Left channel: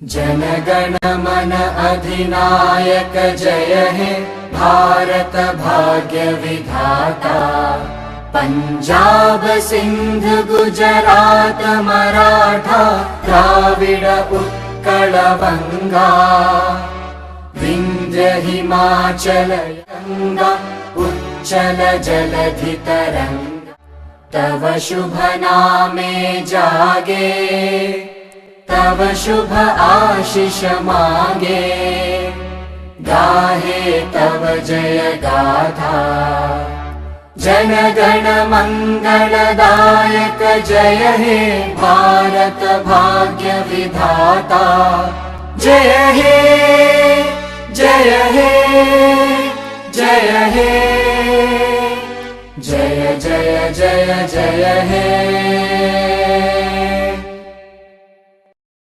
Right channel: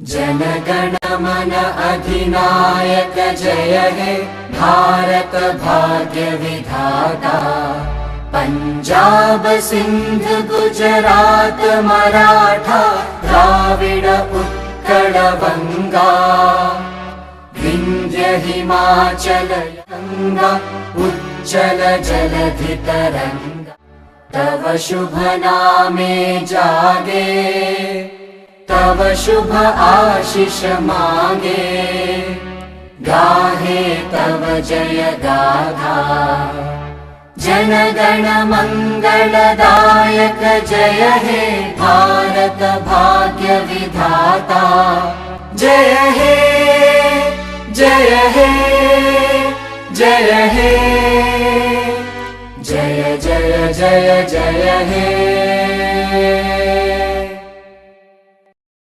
जनगण मन अधिनायक जय हे भारत भाग्य विधाता। पंजाब सिंध गुजरात मराठा द्राविड उत्कल बंगा। विंध्य हिमाचल गंगा उच्चल जलधि तरंगा। तव शुभ नामे जागे तव शुभ आशीष मांगे। गाहे तव जय गाथा जन गण मंगलदायक जय हे भारत भाग्य विधाता। जय हे जय हे जय हे जय जय जय जय हे।